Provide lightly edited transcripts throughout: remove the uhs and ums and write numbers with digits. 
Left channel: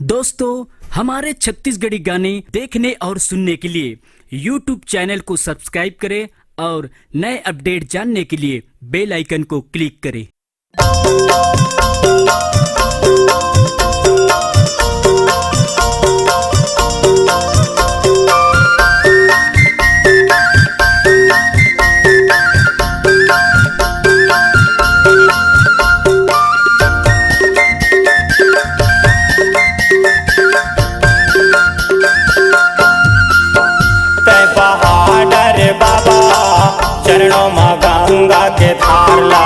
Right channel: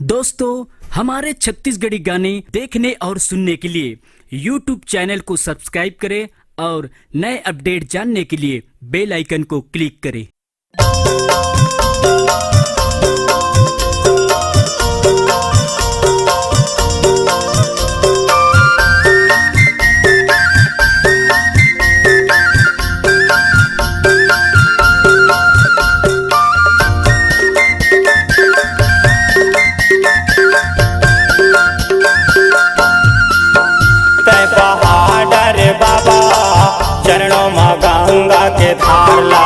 दोस्तों, हमारे छत्तीसगढ़ी गाने देखने और सुनने के लिए YouTube चैनल को सब्सक्राइब करें और नए अपडेट जानने के लिए बेल आइकन को क्लिक करें। पहाड़ बाबा चरणों में गंगा के धारला,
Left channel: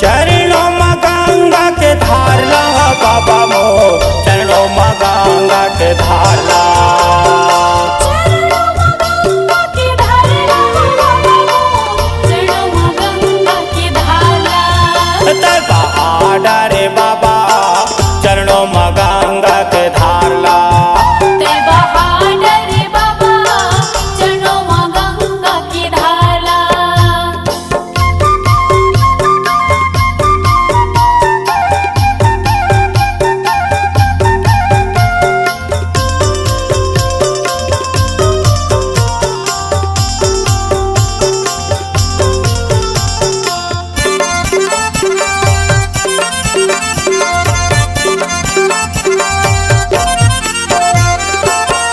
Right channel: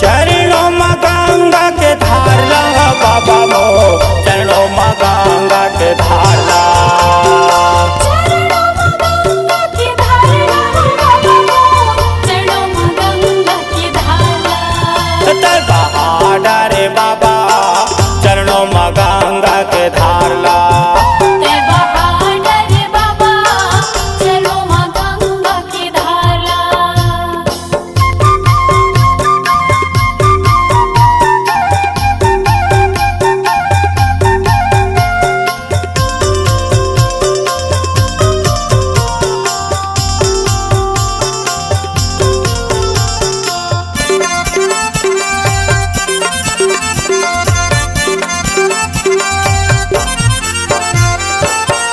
चरणों में गंगा के धारला बाबा मो चरणों में गंगा के धारला। पहाड़ रे बाबा चरणों में गंगा के धारला,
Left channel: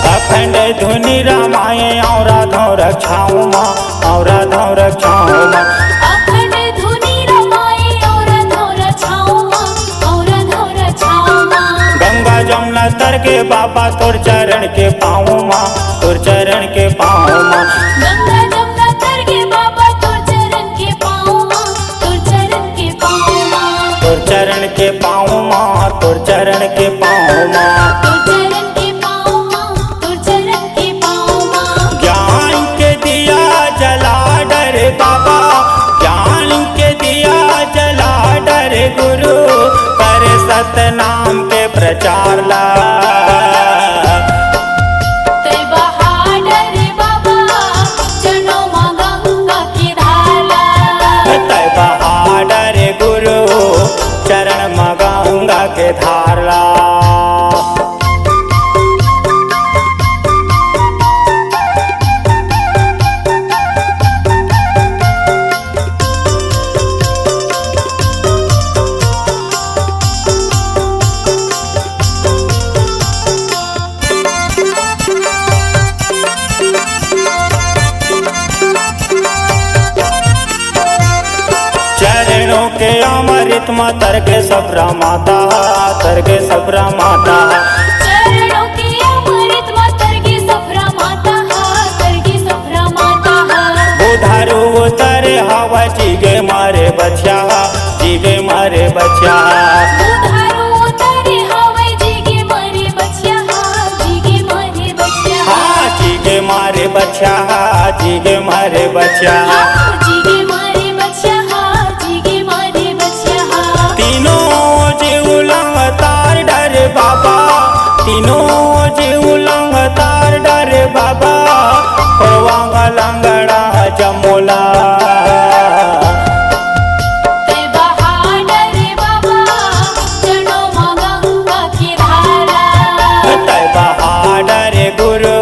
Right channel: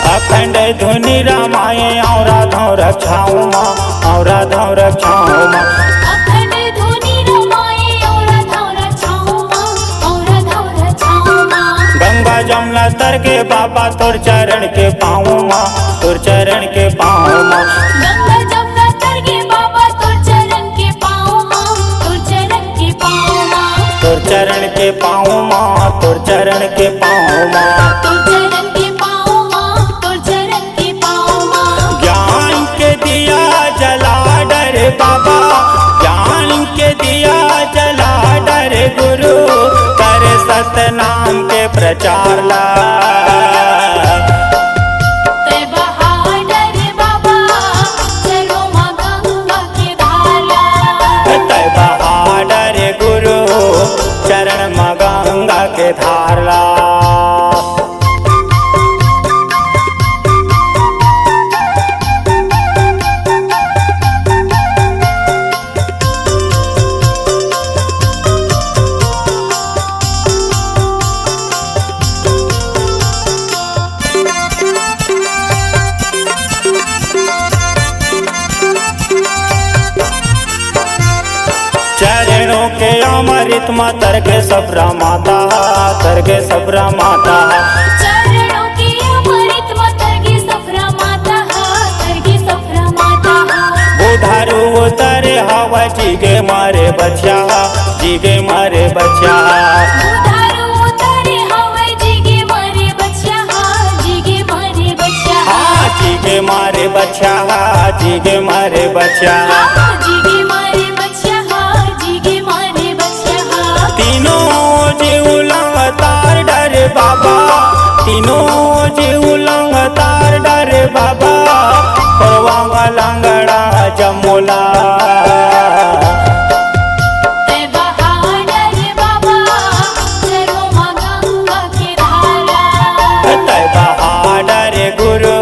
अखंड धुनि रामायण और राधो रक्षाओं माँ और राधो रक्षाओं माँ, गंगा जमुना तर के बाबा तोर चरण के पाँव माँ, तोर चरण के पाँव माँ, तोर चरण के पाँव माँ, तोर चरण के पाँव माँ। ज्ञान के दिया जला डर बाबा, ज्ञान के दिया जला डर गुरु, कर सतनाम के प्रचार ला। तय बहादुर गुरु चरण में गंगा के धारला। चरणों के अमृत में तरके सबरा माता, तरके सबरा माता, बुधारू उतरे हवा जीगे मारे बच्चा, जीगे मारे बच्चा, हाँ जीगे मारे बच्चा, जीगे मारे बच्चा। तीनों जीव लंग तार डर बाबा, तीनों जीव लंग तार डर बाबा, परवांग लंगड़ा जमोला। तय बहादुर गुरु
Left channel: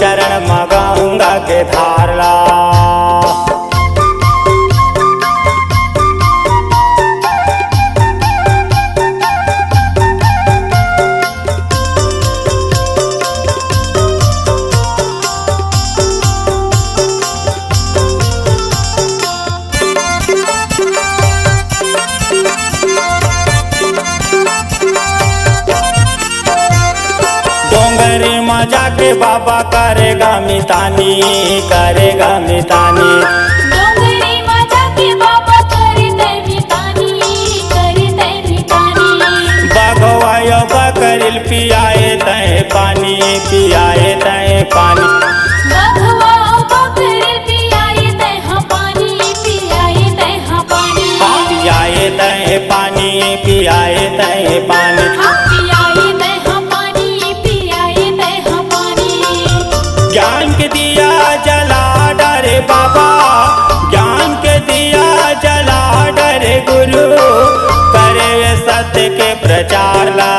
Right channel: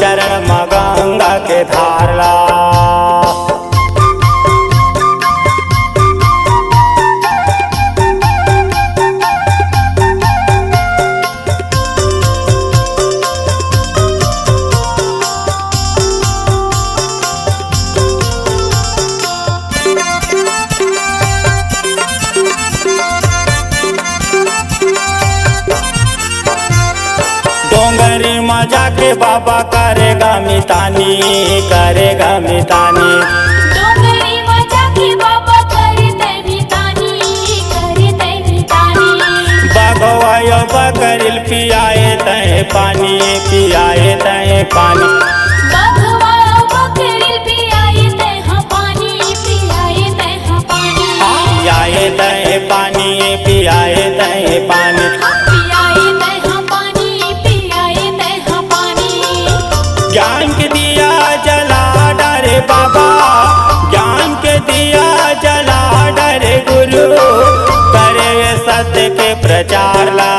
चरण में गंगा के धारला। डोंगरी में जाके बाबा करेगा मितानी, करेगा मितानी, बगवायो बकरिल पियाए तय पानी, पियाए तय पानी, पियाए तय पानी, पियाए तय पानी। ज्ञान के दिया जला डरे बाबा, ज्ञान के दिया जला डर गुरु करे सत्य के प्रचार ला।